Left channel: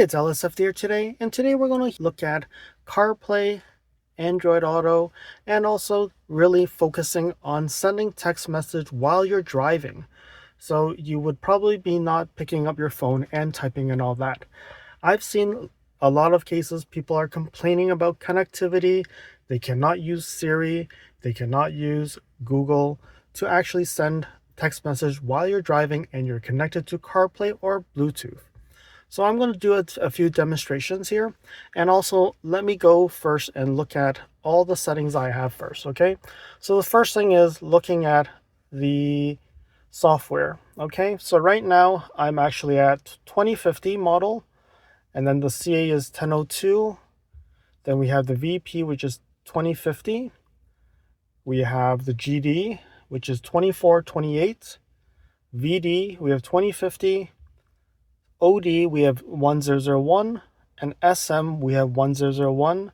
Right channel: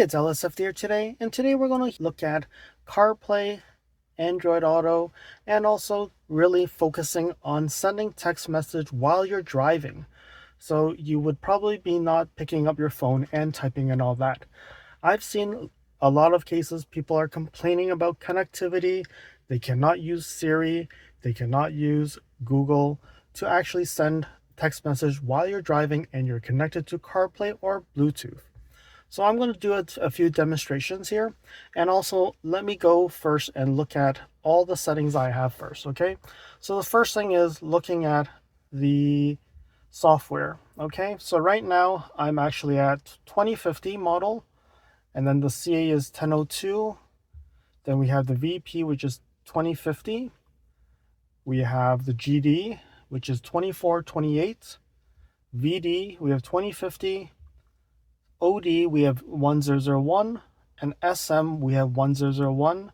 it's LSFD here today, and today we're going to look at CarPlay, Android Auto, and also really focusing on sending text message while you're driving. So you would probably be not picking up your phone and typing and all that. I've seen a lot of cases people are complaining about connectivity. They cannot use Siri, they cannot use Google to actually send text message while you're driving and you're connected to CarPlay or Bluetooth. So I'm going to do a few demonstrations here, and also let me go first and look at all the settings I have first, okay? So the first thing is looking at the software, okay? So right now I'm actually at 2050 model, and then the CA is 1002. Then we have the VP, which is 2050. We have the GD, which is 2428. VD, we have 2050. OD, we have 1001, and SM, we have 1001,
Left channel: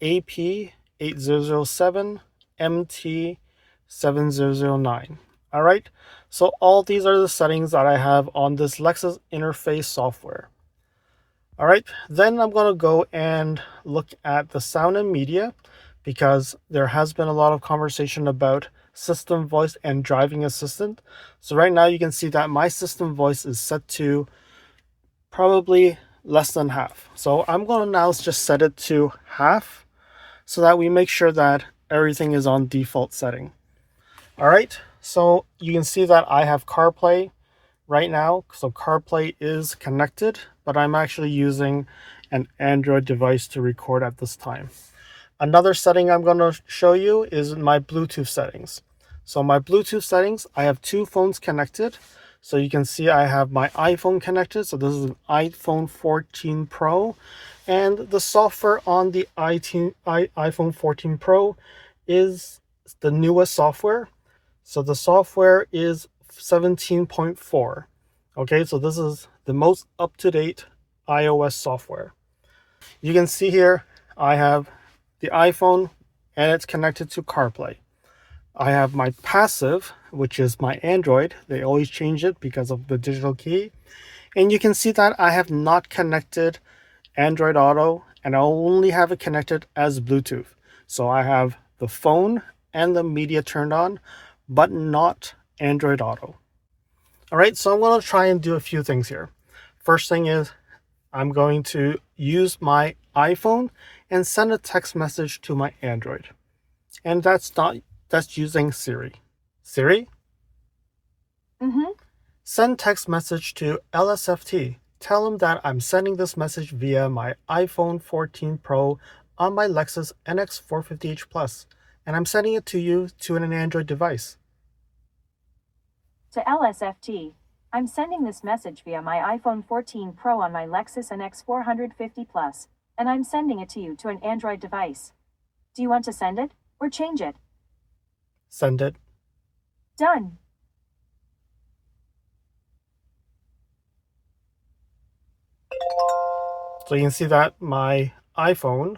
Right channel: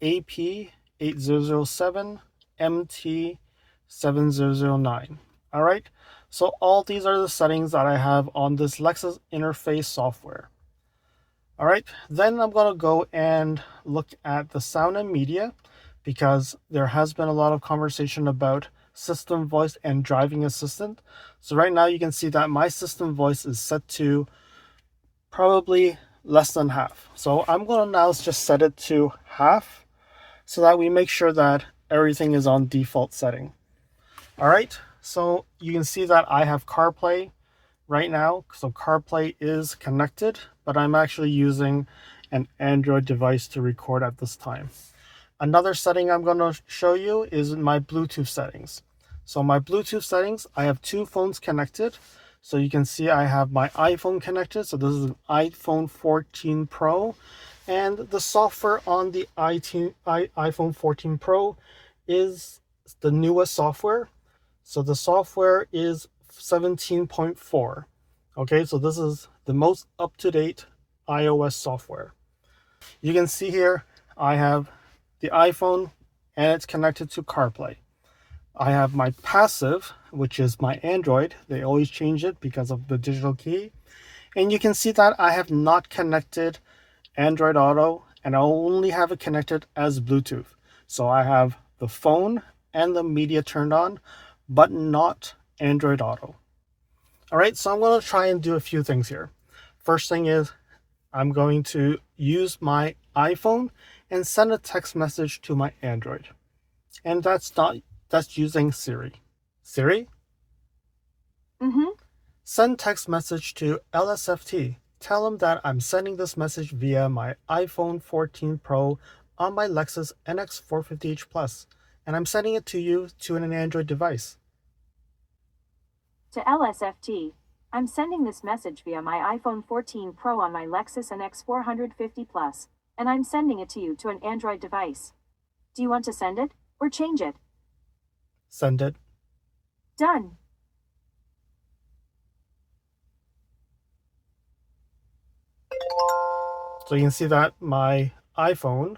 AP, 8007, MT, 7009. All right, so all these are the settings that I have on this Lexus Interface software. All right, then I'm going to go and look at the sound and media, because there has been a lot of conversation about system voice and driving assistant. So right now you can see that my system voice is set to probably less than half. So I'm going to now just set it to half so that we make sure that everything is on default setting. All right, so you can see that I have CarPlay right now. So CarPlay is connected, but I'm actually using an Android device to record at this time. Another setting I'm going to show you is my Bluetooth settings. So my Bluetooth settings, I have two phones connected. So you can see I have my iPhone connected. So this is an iPhone 14 Pro. And the software on the iPhone 14 Pro is the newest software. So the software is 17.4. Okay, so this is the most up-to-date iOS software. You can see here I have the iPhone and it's connected to CarPlay. I have my passive, which is my Android. They always change it because of the digital key. And you can see that I have not connected Android Auto, and I only have it connected as Bluetooth. So I have the phone and the media turned on, but not Android Auto. All right, so I'm going to try and do a few things here. First thing is I'm going to use my iPhone and send a text message to my Android. And that's using Siri. Siri? Send text message to LSFT. Tell him that I'm sending this message via my iPhone 14 Pro on my Lexus NX 450h Plus, and I'm sending it to you to an Android device. To LSFT, I'm sending this message via my iPhone 14 Pro on my Lexus NX 450 Plus, and I'm sending it to you to an Android device. Do you want to send it or change it? Send it. Done. So you can see that my iPhone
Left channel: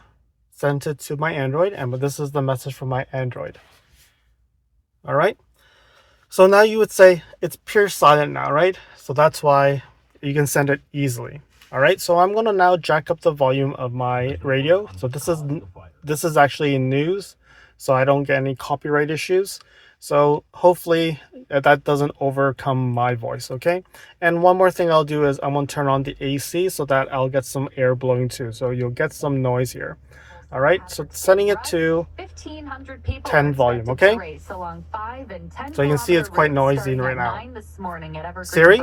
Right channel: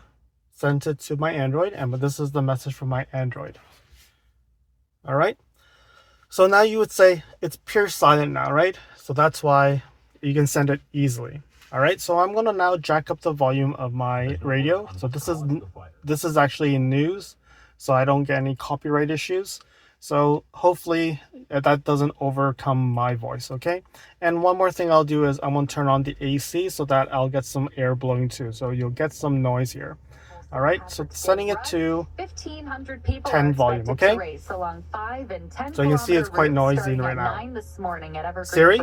sent it to my Android, and this is the message from my Android. All right. So now you would say it's pure silent now, right? So that's why you can send it easily. All right. So I'm going to now jack up the volume of my radio. So this is actually in news, so I don't get any copyright issues. So hopefully that doesn't overcome my voice, okay? And one more thing I'll do is I'm going to turn on the AC so that I'll get some air blowing too. So you'll get some noise here. All right, so setting it to 10 volume, okay? So you can see it's quite noisy right now. Siri,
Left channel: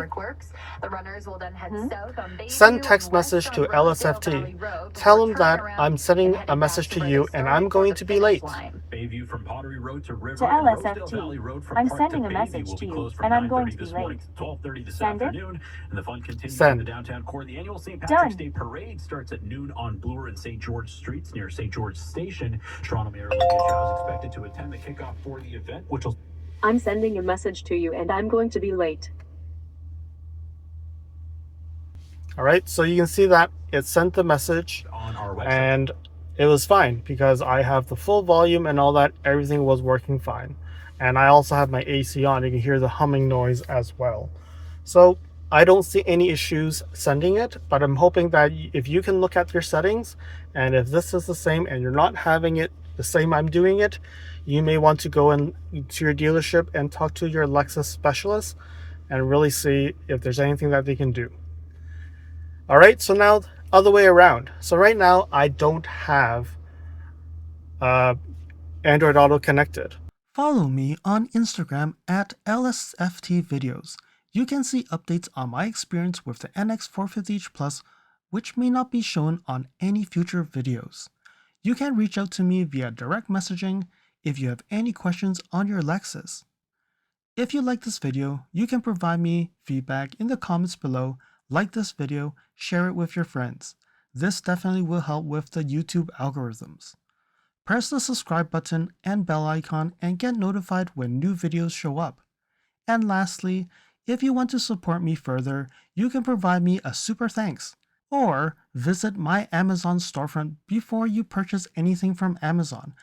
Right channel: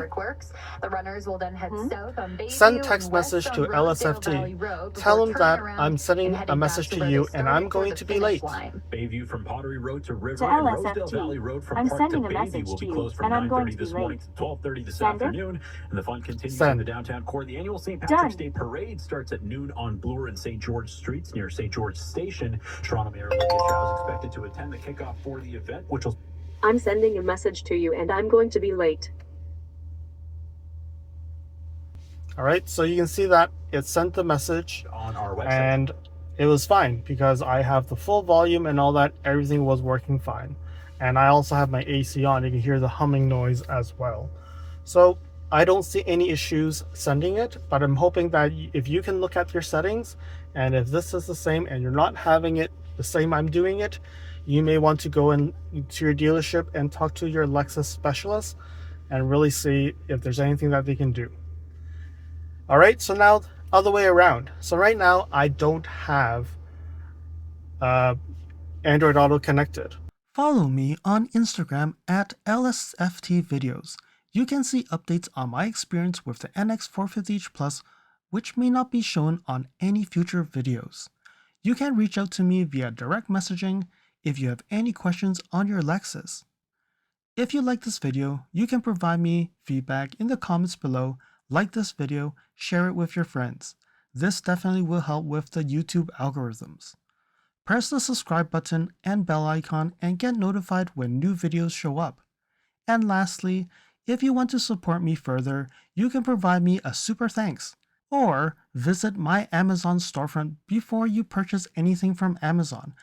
send text message to LSFT. Tell him that I'm sending a message to you and I'm going to be late. To LSFT, I'm sending a message to you and I'm going to be late. Send it. And the fun continues Send. in the downtown core. The annual St. Patrick's Done. Day Parade starts at noon on Bloor and St. George Streets near St. George Station. Toronto Mayor Olivia Chow is expected to attend the kickoff for the event, which will... I'm sending a message to you and I'm going to be late. All right, so you can see that it sent the message on our website. And it was fine because I have the full volume and all that. Everything was working fine. And I also have my AC on. You can hear the humming noise as well. So I don't see any issues sending it, but I'm hoping that if you can look at your settings, and if this is the same and you're not having it the same I'm doing it, you may want to go in to your dealership and talk to your Lexus specialist and really see if there's anything that they can do. All right, so now other way around. So right now I don't have Android Auto connected. Follow me on Instagram at LSFT Videos. You can see updates on my experience with the NX 450H Plus, which may not be shown on any future videos. You can reach out to me via direct messaging if you have any questions on your Lexus. If you like this video, you can provide me feedback in the comments below, like this video, share it with your friends. This definitely will help with the YouTube algorithms. Press the subscribe button and bell icon and get notified when new videos show up. And lastly, if you want to support me further, you can provide me a super thanks, or visit my Amazon storefront before you purchase anything from Amazon,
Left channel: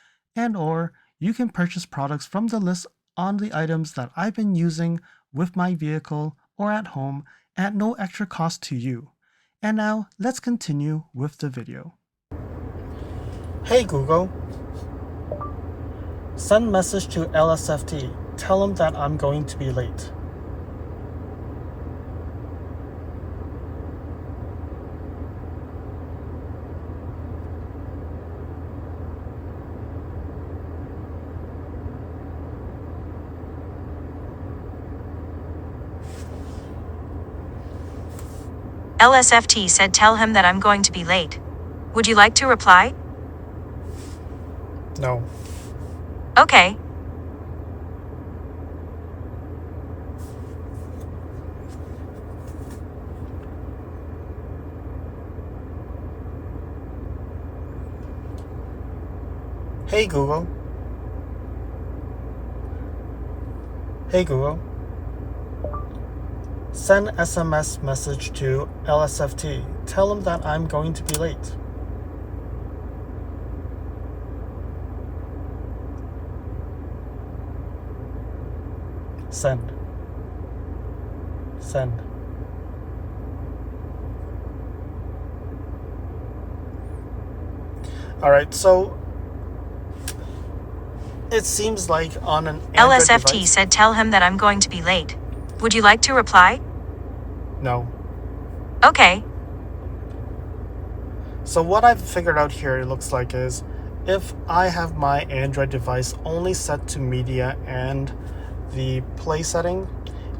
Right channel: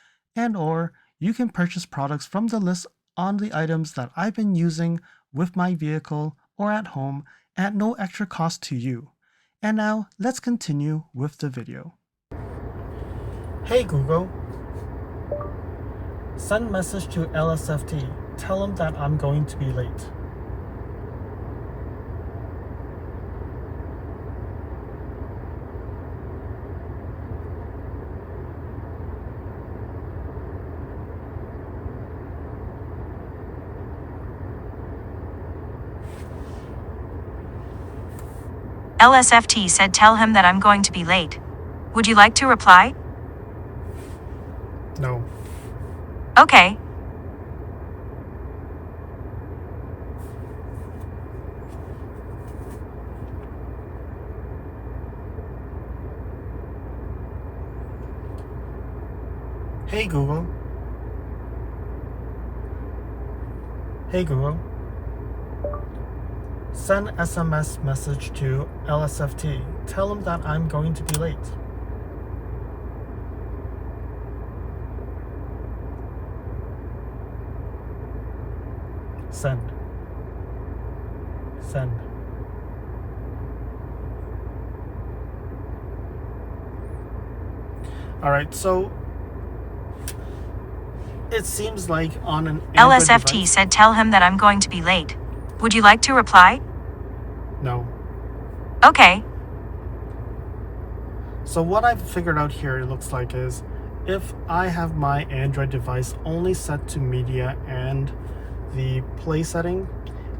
or you can purchase products from the list on the items that I've been using with my vehicle or at home at no extra cost to you. And now let's continue with the video. Hey Google, send message to LSFT. Tell them that I'm going to be late. LSFT said tell him that I'm going to be late. Would you like to reply? No. Okay. Hey Google. Hey Google. Send SMS message to LSFT. Tell them that I'm going to be late. Send. Send. All right, so it seems like on an Android LSFT device, said tell him that I'm going to be late. Would you like to reply? no. Okay. So what I've figured out here, it looks like, is if I have my Android device only set to media and the play setting,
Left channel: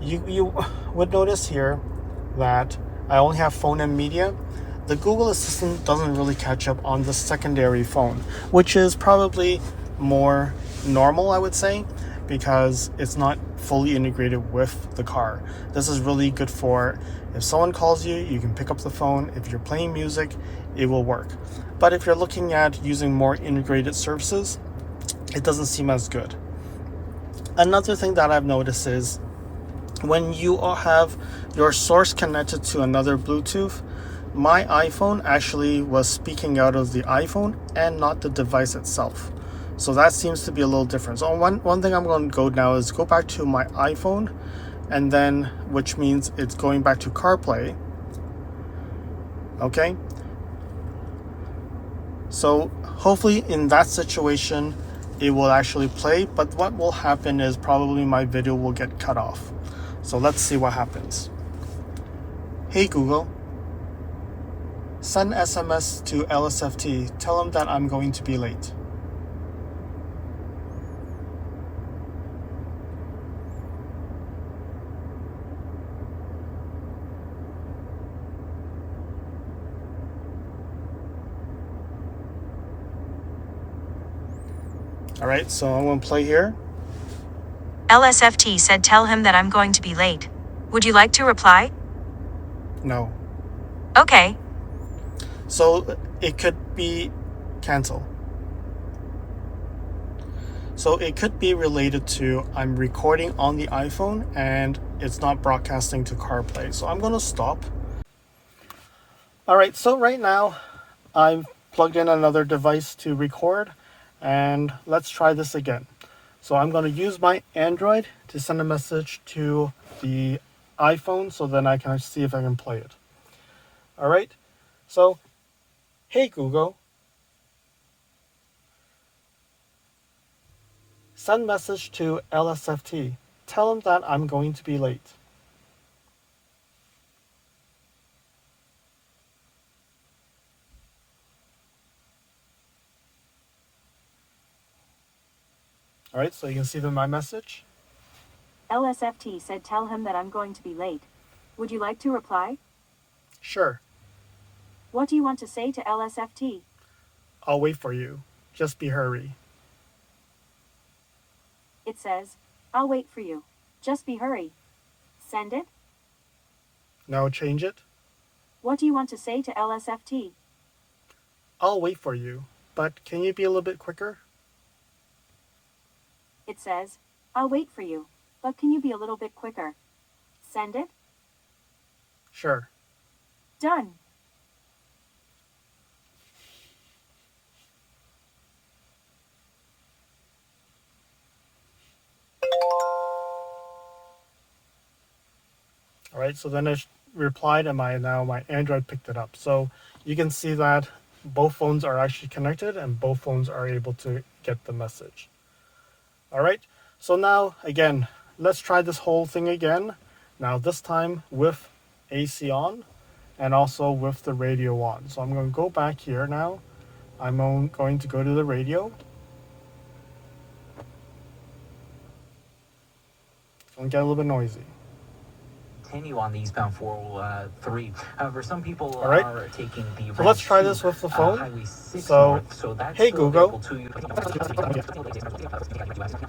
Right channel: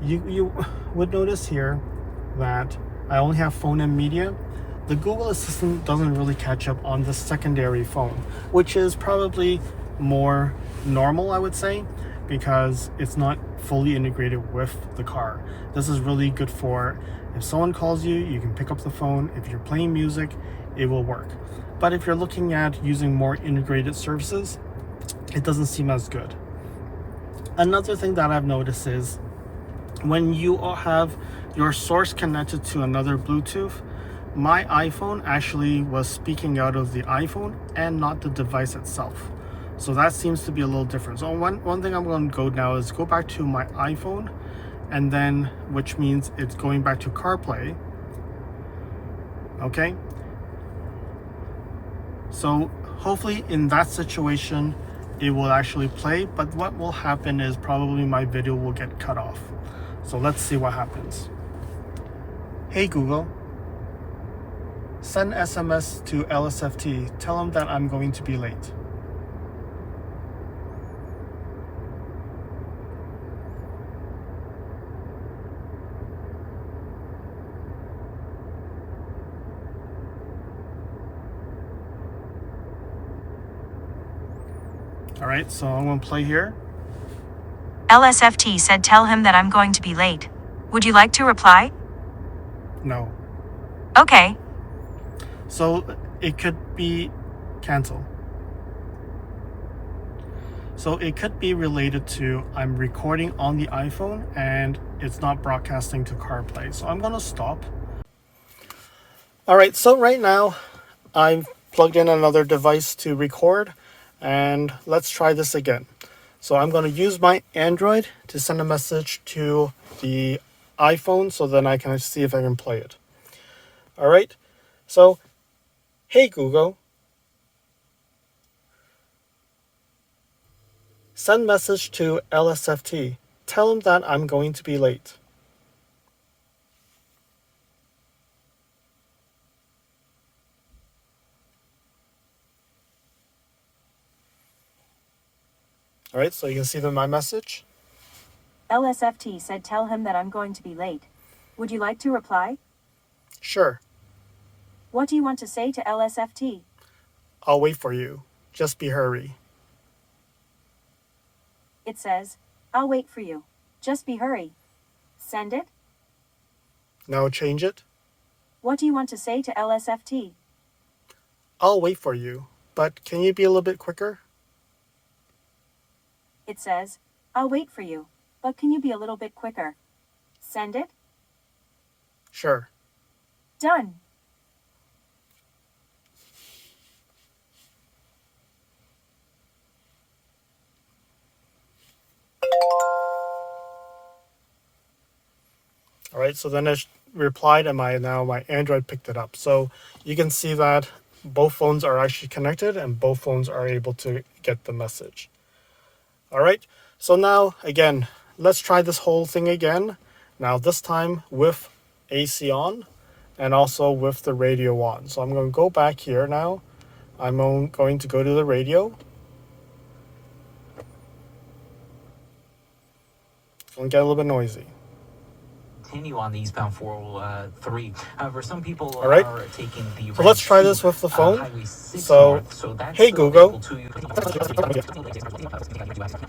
you would notice here that I only have phone and media. The Google Assistant doesn't really catch up on the secondary phone, which is probably more normal, I would say, because it's not fully integrated with the car. This is really good for if someone calls you, you can pick up the phone. If you're playing music, it will work. But if you're looking at using more integrated services, it doesn't seem as good. Another thing that I've noticed is when you have your source connected to another Bluetooth, my iPhone actually was speaking out of the iPhone and not the device itself. So that seems to be a little different. So one thing I'm going to go now is go back to my iPhone, and then which means it's going back to CarPlay. Okay. So hopefully in that situation, it will actually play, but what will happen is probably my video will get cut off. So let's see what happens. Hey Google, send SMS to LSFT. Tell them that I'm going to be late. All right, so I'm going to play here. LSFT said tell him that I'm going to be late. Would you like to reply? No. Okay. So it could be cancel. So it could be related to I'm recording on the iPhone and it's not broadcasting to CarPlay. So I'm going to stop. All right, so right now I've plugged in another device to record, and let's try this again. So I'm going to use my Android to send a message to the iPhone so then I can see if I can play it. All right. So, hey Google, send message to LSFT. Tell him that I'm going to be late. All right, so you can see my message. LSFT said tell him that I'm going to be late. Would you like to reply? Sure, What do you want to say to LSFT? I'll wait for you. Just be hurry. It says, I'll wait for you. Just be hurry. Send it? Now change it. What do you want to say to LSFT? I'll wait for you, but can you be a little bit quicker? It says, I'll wait for you, but can you be a little bit quicker? Send it? Sure. Done. All right, so then it replied and my Android picked it up. So you can see that both phones are actually connected and both phones are able to get the message. All right, so now again, let's try this whole thing again. Now this time with AC on and also with the radio on. So I'm going to go back here now. I'm going to go to the radio. It's going to get a little bit noisy. Continue on the eastbound 403. However, some people All right. are taking the So let's try this with the phone. Highway 6 So, north, so that's hey still Google. available to you.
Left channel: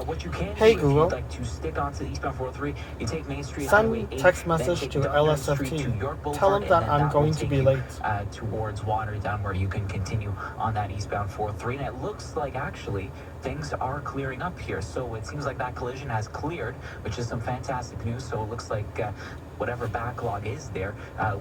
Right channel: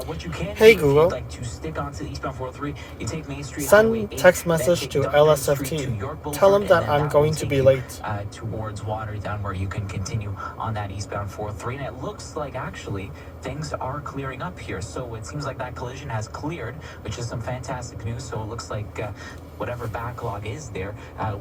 What you can Hey do Google. if you'd like to stick onto eastbound 403, you take Main Street, Send Highway 8, text then message take to Duncan Street to LSFT. York Boulevard, Tell him that and then I'm will going to take be you, late. Towards Waterdown, where you can continue on that eastbound 403. And it looks like actually things are clearing up here. So it seems like that collision has cleared, which is some fantastic news. So it looks like whatever backlog is there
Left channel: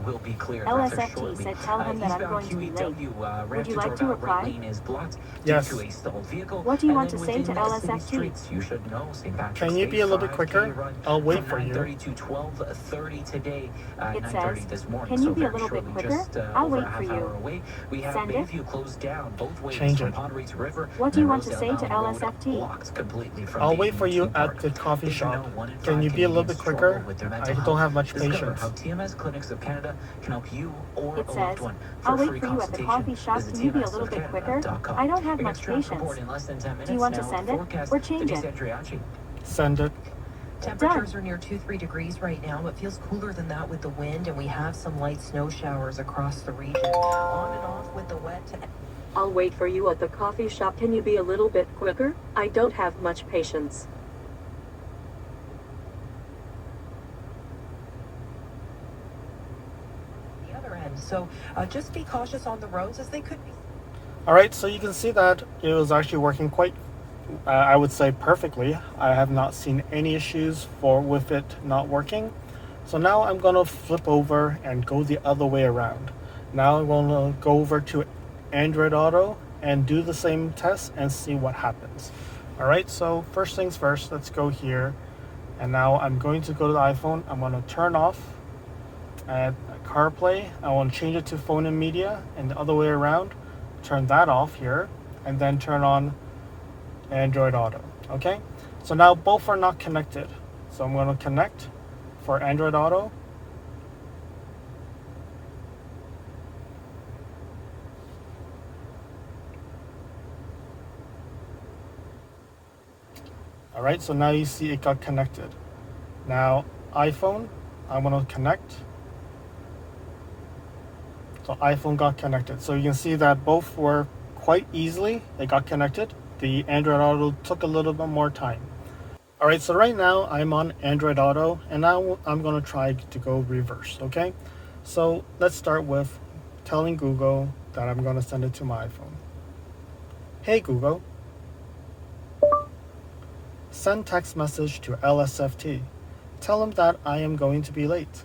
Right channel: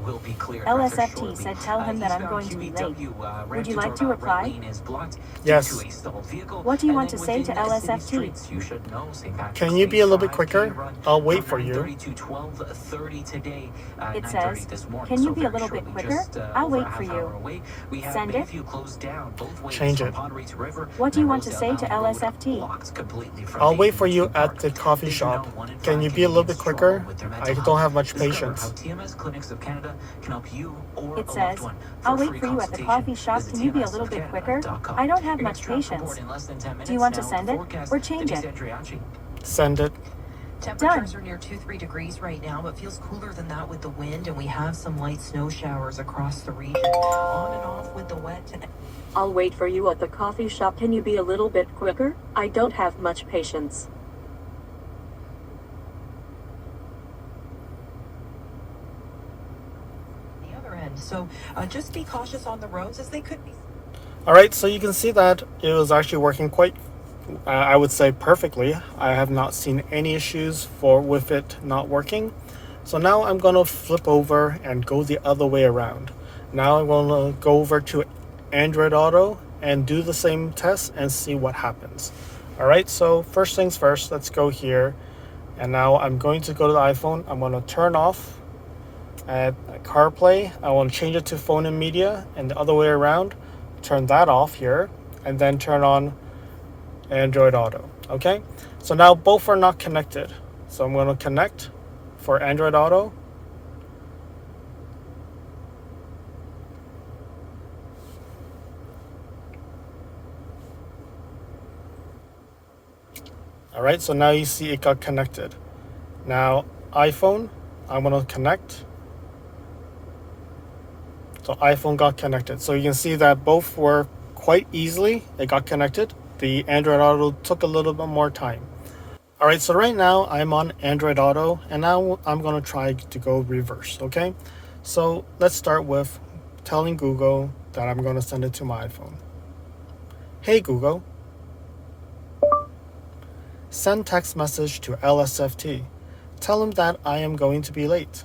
will be cleared rather LSFT shortly. said tell him that I'm Eastbound going to be late. QEW, Would you ramp like to roundabout right reply? lane is blocked Yes. due to a stalled vehicle. What do you And want then to say to within the city LSFT? streets, you should know St. Patrick's Can you Day be a little bit 5K quicker? run I'll wait from for you. 9:30 to 12:30 today, It 9:30 says, this morning. can you So be a very little bit shortly, quicker? just, I'll over wait a for half you. hour away. We have Send it? Bayview closed down both ways Change from it. Padre to River. What do you and want to Rosedale say to Valley Road LSFT? blocked completely from I'll wait Bayview for you to at Park. the coffee Did you know shop. 1 in Can 5 you be a little bit Canadians struggle quicker? with their mental I health? don't have much Discover patience. how TMS Clinics of Canada can help you or It a loved says, one. I'll For a wait free for you at the consultation, coffee shop. visit Can you be a little bit quicker? TMSofCanada.com. I don't have Your much next transport patience. in less than 10 minutes. Do you want to Now send with it forecast, or change Denise it? Andriachi. Send it. Temperatures are near 2-3 degrees right now, but feels cooler than that with the wind, and we have some light snow showers across the region. On and off with the wet. I'll wait for you at the coffee shop. Can you be a little bit quicker? I don't have much patience. The other end. So just be cautious on the roads as they could be. All right, so you can see that it was actually working quite, I would say perfectly. I have not seen any issues with it not working. So now I'm going to flip over and go the other way around. Now I'm going to go over to Android Auto and do the same test and see what happens. All right, so first things first, let's go here. And now I'm going to go to the iPhone. I'm going to turn off at CarPlay. I want to change it to phone and media, and the other way around. Turn that off here, and then turn on Android Auto. Okay, so now both are not connected. So I'm going to connect for Android Auto. All right, so now you see it got connected. Now iPhone, I'm going to connect. So iPhone got connected. So you can see that both were quite easily, it got connected. The Android Auto took a little bit more time. All right, so right now I'm on Android Auto, and now I'm going to try to go reverse, okay? So let's start with telling Google that I'm going to send it to my iPhone. Hey Google, send text message to LSFT. Tell him that I am going to be late.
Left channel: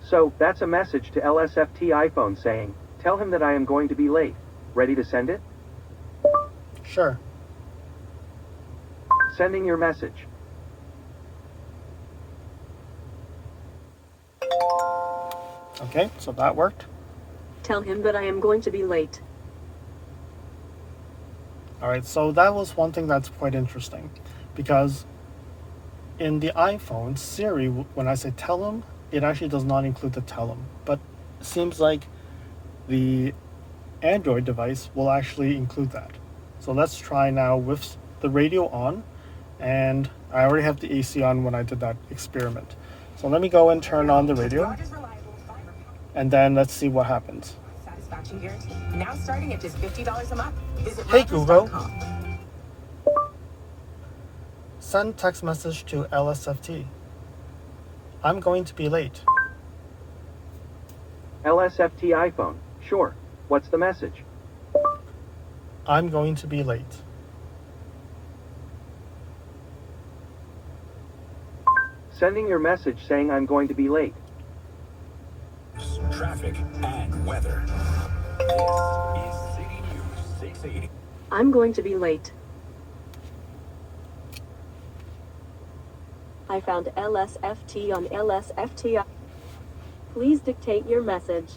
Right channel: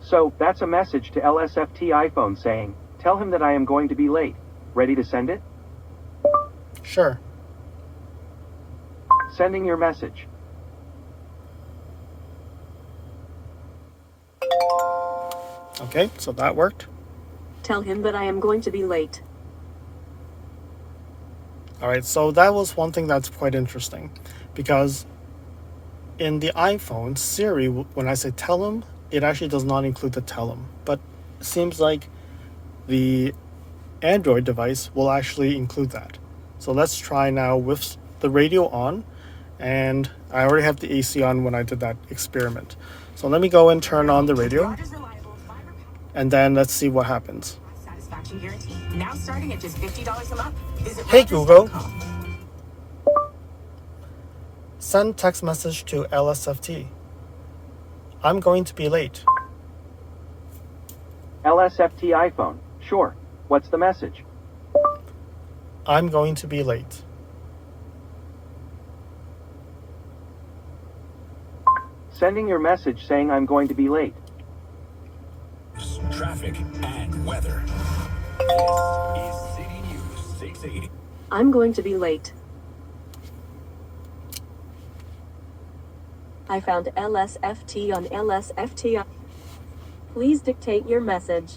So, that's a message to LSFT iPhone saying, tell him that I am going to be late. Ready to send it? Sure. Sending your message. Okay, so that worked. Tell him that I am going to be late. All right, so that was one thing that's quite interesting, because in the iPhone, Siri, when I say tell him, it actually does not include the tell him. But it seems like the Android device will actually include that. So let's try now with the radio on, and I already have the AC on when I did that experiment. So let me go and turn on the radio, and then let's see what happens. Satisfaction guarantee. Now starting at just $50 a month. Visit Hey Google, Rogers.com. send text message to LSFT. I'm going to be late. LSFT iPhone. Sure. What's the message? I'm going to be late. Sending your message saying I'm going to be late. Traffic and weather. This is City News 680. I'm going to be late. I found LSFT on LSFT. Please dictate your message.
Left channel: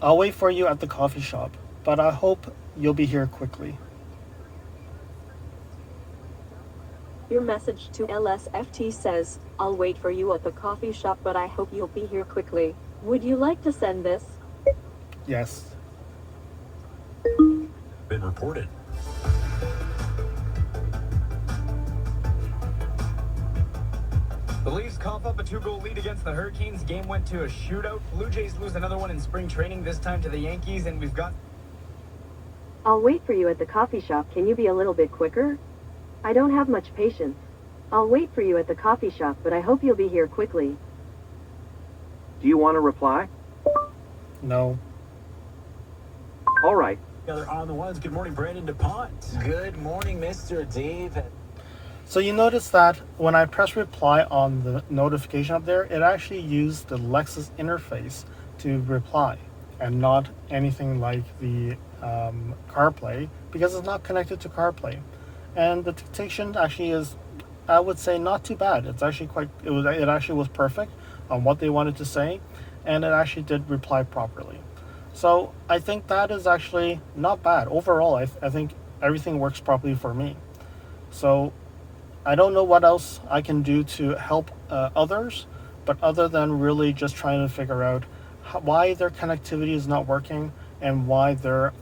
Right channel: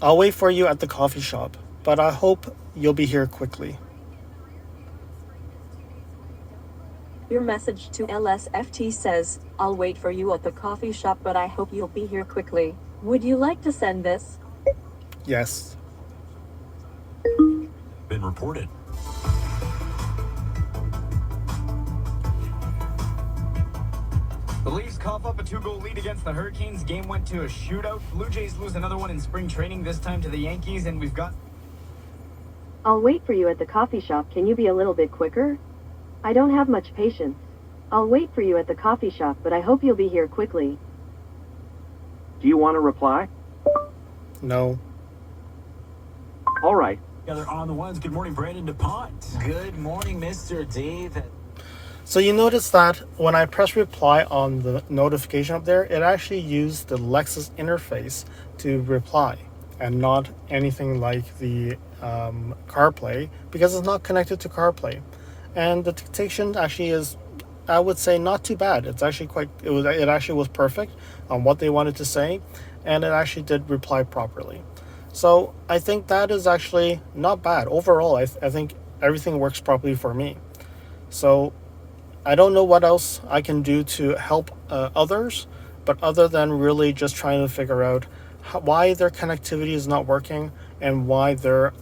I'll wait for you at the coffee shop, but I hope you'll be here quickly. Your message to LSFT says, I'll wait for you at the coffee shop, but I hope you'll be here quickly. Would you like to send this? Yes. Been reported. The Leafs cough up a 2-goal lead against the Hurricanes. Game went to a shootout. Blue Jays lose another one in spring training, this time to the Yankees, and we've got... I'll wait for you at the coffee shop. Can you be a little bit quicker? I don't have much patience. I'll wait for you at the coffee shop, but I hope you'll be here quickly. Do you want to reply? No. All right. Together on the ones. Good morning, Brandon DuPont. Good morning, Mr. Dave. So you notice that when I press reply on the notification up there, it actually used the Lexus Interface to reply and not anything like the CarPlay, because it's not connected to CarPlay. And the dictation actually is, I would say, not too bad. It's actually it actually was perfect on what they wanted to say, and it actually did reply properly. So I think that is actually not bad. Overall, I think everything works properly for me. So I don't know what else I can do to help others, but other than really just trying to figure out why their connectivity is not working and why their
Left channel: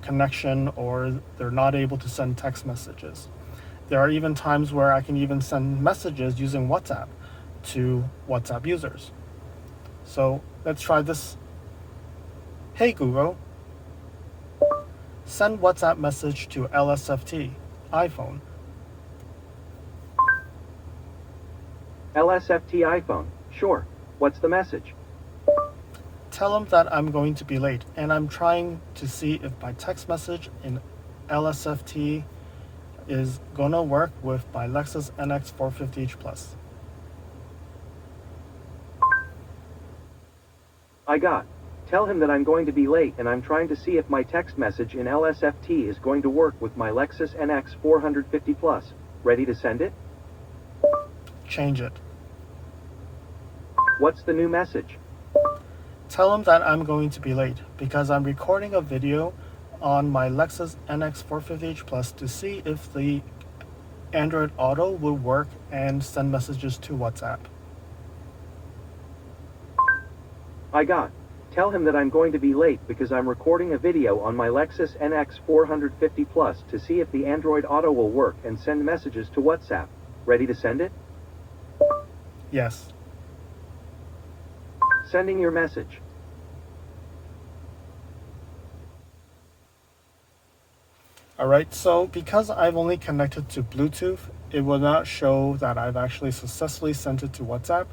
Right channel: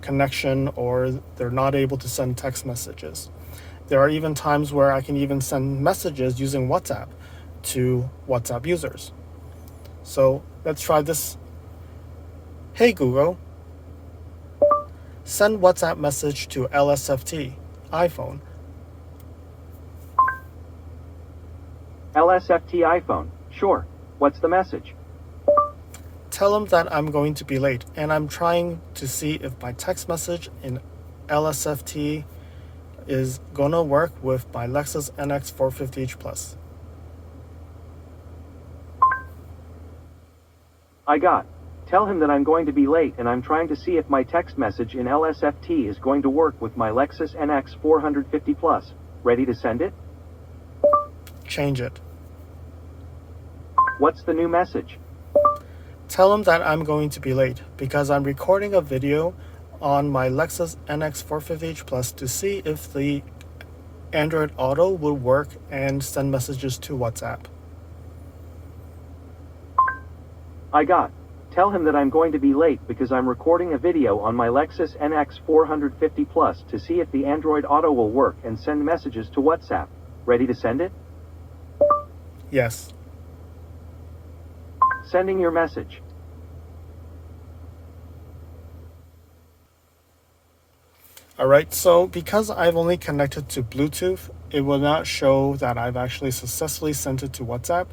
connection, or they're not able to send text messages. There are even times where I can even send messages using WhatsApp to WhatsApp users. So let's try this. Hey Google, send WhatsApp message to LSFT iPhone. LSFT iPhone. Sure. What's the message? Tell them that I'm going to be late, and I'm trying to see if my text message in LSFT is gonna work with my Lexus NX 450h Plus. I got. Tell him that I'm going to be late, and I'm trying to see if my text message in LSFT is going to work with my Lexus NX 450 Plus. Ready to send it? Change it. What's the new message? Tell them that I'm going to be late because I'm recording a video on my Lexus NX 450h Plus to see if the Android Auto will work and send messages to WhatsApp. I got. Tell him that I'm going to be late because I'm recording a video on my Lexus NX 450 Plus to see if the Android Auto will work and send messages to WhatsApp. Ready to send it? Yes. Sending your message. Alright, so because I've only connected to Bluetooth, it will not show that I've actually successfully sent it to WhatsApp,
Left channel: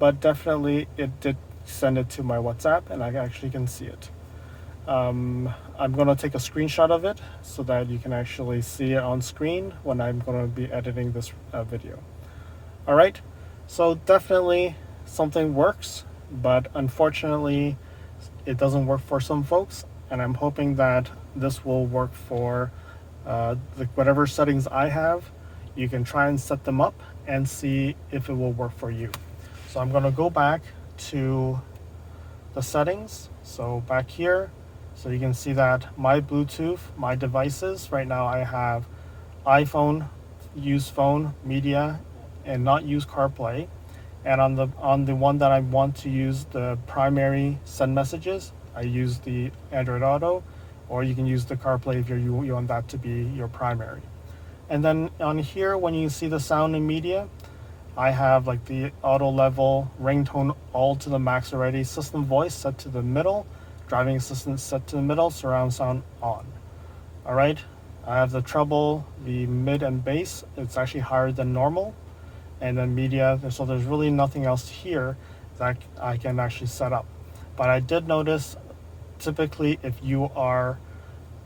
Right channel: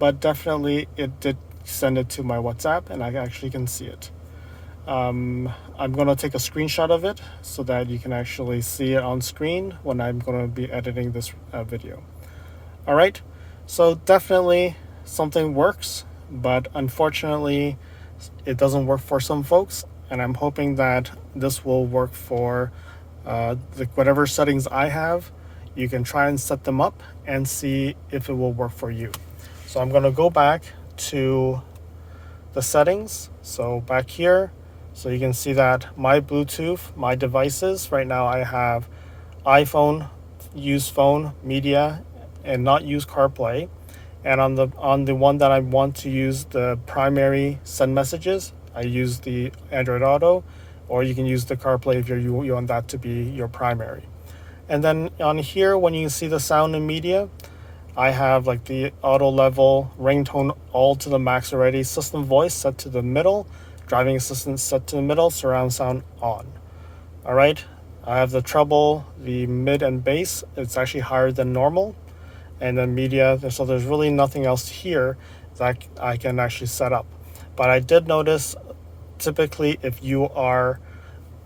but definitely it did send it to my WhatsApp, and I actually can see it. I'm going to take a screenshot of it so that you can actually see it on screen when I'm going to be editing this video. Alright, so definitely something works, but unfortunately it doesn't work for some folks, and I'm hoping that this will work for whatever settings I have. You can try and set them up and see if it will work for you. So I'm going to go back to the settings, so back here, so you can see that my Bluetooth, my devices, right now I have iPhone, use phone, media, and not use CarPlay. And on the one that I want to use the primary send messages, I use the Android Auto, or you can use the CarPlay if you want that to be your primary. And then on here, when you see the sound and media, I have like the auto level, ringtone all to the max already, system voice set to the middle, driving assistance set to the middle, surround sound on. All right, I have the treble, the mid and bass, it's actually higher than normal. And then media, so there's really nothing else here that I can actually set up. But I did notice, typically if you are,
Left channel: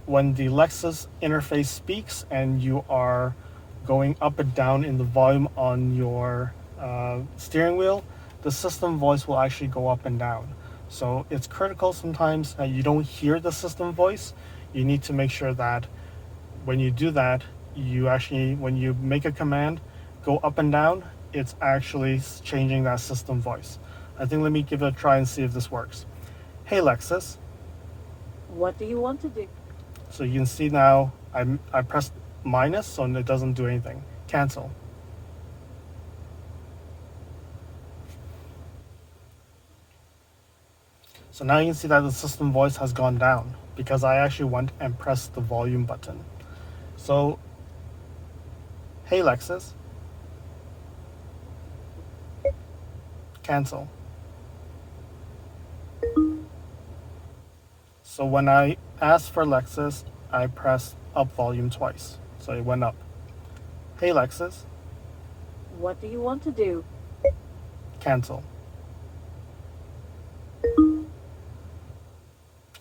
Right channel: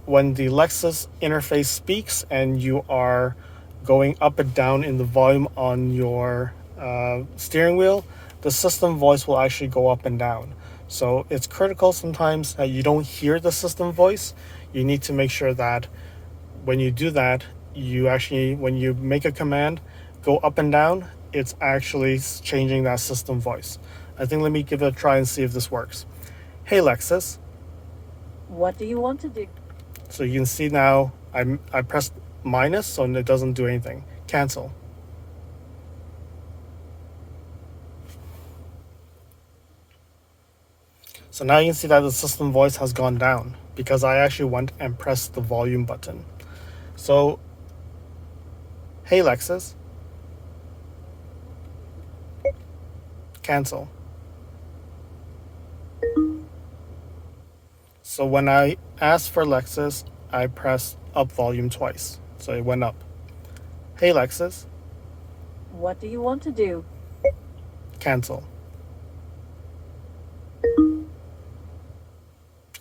when the Lexus interface speaks and you are going up and down in the volume on your steering wheel, the system voice will actually go up and down. So it's critical sometimes that you don't hear the system voice. You need to make sure that when you do that, you actually, when you make a command, go up and down, it's actually changing that system voice. I think let me give it a try and see if this works. Hey Lexus. What do you want to do? So you can see now I pressed minus, so it doesn't do anything. Cancel. So now you can see that the system voice has gone down because I actually went and pressed the volume button. So, hey Lexus. Cancel. So when I asked for Lexus, I pressed up volume twice. So it went up. Hey Lexus. What do you want to do? Cancel.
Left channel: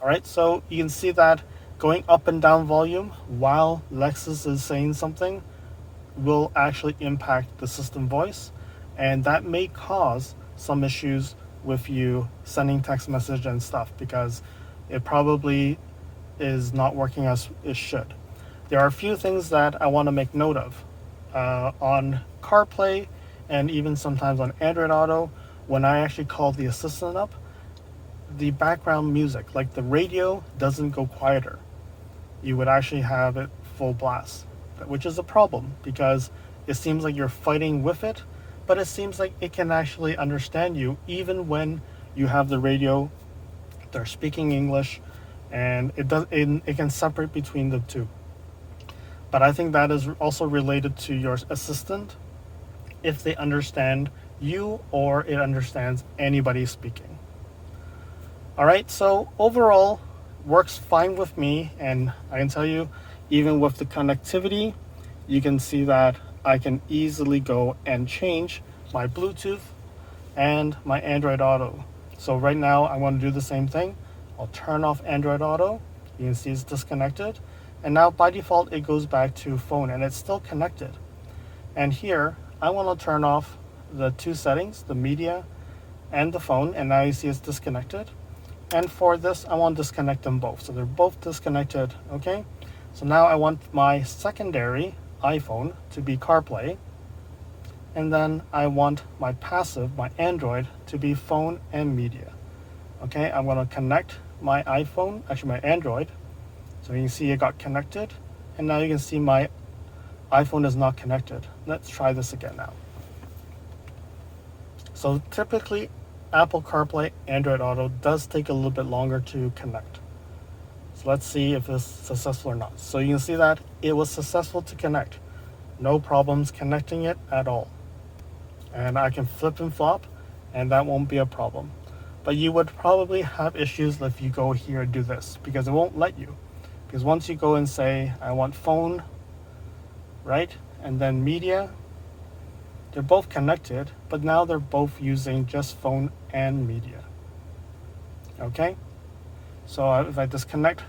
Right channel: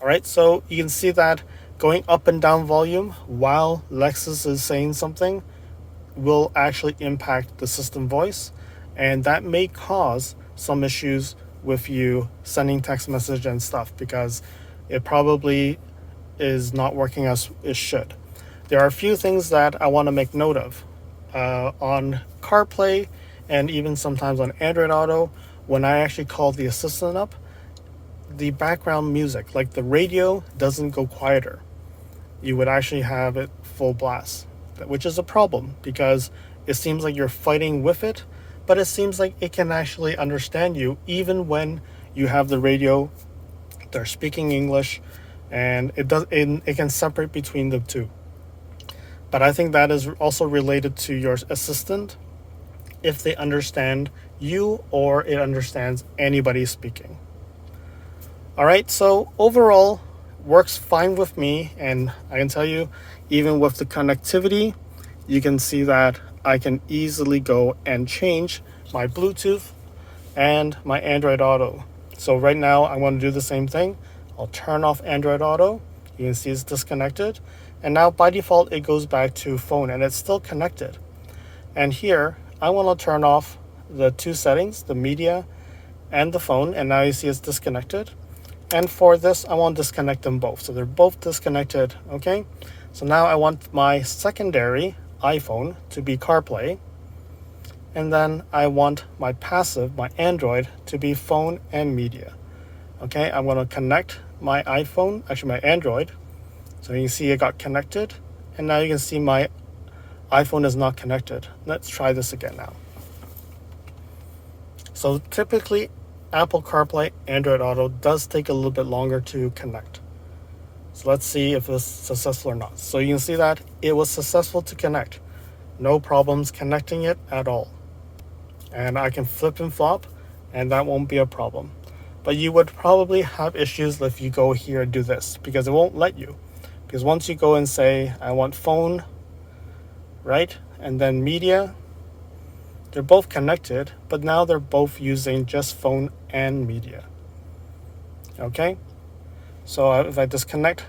Alright, so you can see that going up and down volume while Lexus is saying something will actually impact the system voice, and that may cause some issues with you sending text message and stuff because it probably is not working as it should. There are a few things that I want to make note of. On CarPlay and even sometimes on Android Auto, when I actually call the assistant up, the background music, like the radio, doesn't go quieter. You would actually have it full blast, which is a problem because it seems like you're fighting with it, but it seems like it can actually understand you even when you have the radio, they're speaking English, and it can separate between the two. But I think that is also related to your assistant, if they understand you or it understands anybody speaking. All right, so overall, works fine with me, and I can tell you, even with the connectivity, you can see that I can easily go and change my Bluetooth and my Android Auto. So right now, I want to do the same thing. I'll turn off Android Auto. You can see it's disconnected. And now by default, it goes back to phone, and it's still connected. And here, I want to turn off the two settings, the media and the phone, and now you see it's disconnected. And for this, I want to disconnect them both. So they're both disconnected, okay? So now I want my secondary iPhone to be CarPlay. And then I want my passive, my Android, to be phone and media. Okay, I'm going to connect my iPhone, actually my Android. So you can see it got connected. And now you can see my iPhone is not connected. Let's try this again now. So typically, Apple CarPlay, Android Auto does take a little bit longer to connect. So let's see if it's successful or not. So you can see that it was successful to connect. No problems connecting it at all. And I can flip and flop, and that won't be a problem. But you would probably have issues if you go here and do this, because it won't let you. Because once you go and say, I want phone, right? And then media, they're both connected, but now they're both using just phone and media. Okay? So if I disconnect,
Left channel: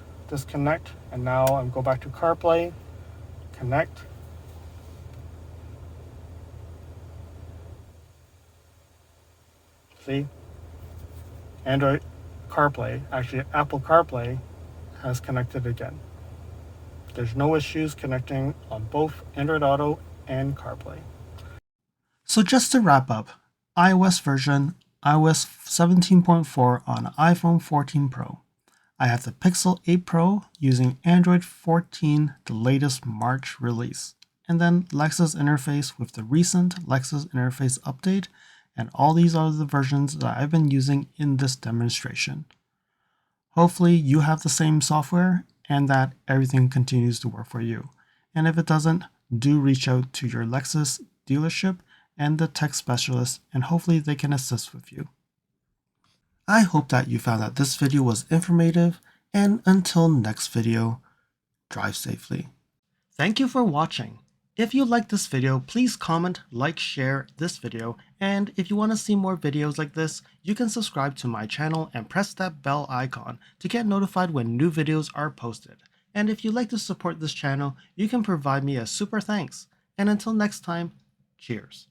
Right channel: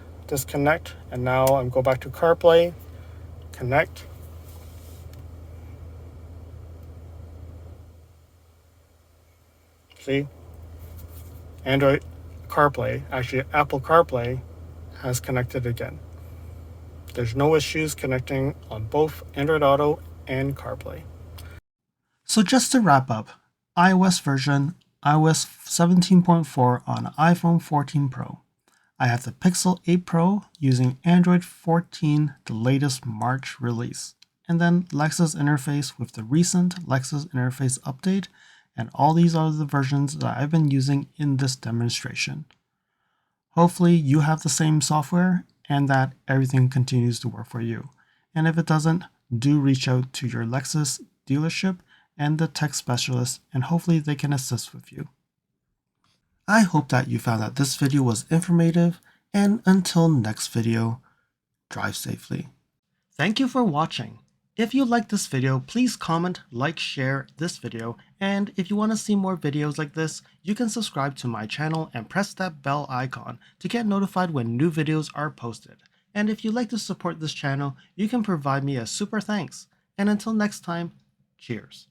and now I go back to CarPlay, connect. See? Android CarPlay, actually Apple CarPlay has connected again. There's no issues connecting on both Android Auto and CarPlay. So just to wrap up, iOS version iOS 17.4 on iPhone 14 Pro. I have the Pixel 8 Pro using Android 14, the latest March release, and then Lexus Interface with the recent Lexus Interface update, and all these are the versions that I've been using in this demonstration. Hopefully you have the same software and that everything continues to work for you. And if it doesn't, do reach out to your Lexus dealership and the tech specialist, and hopefully they can assist with you. I hope that you found that this video was informative, and until next video, drive safely. Thank you for watching. If you liked this video, please comment, like, share this video, and if you want to see more videos like this, you can subscribe to my channel and press that bell icon to get notified when new videos are posted. And if you'd like to support this channel, you can provide me a super thanks. And until next time, cheers.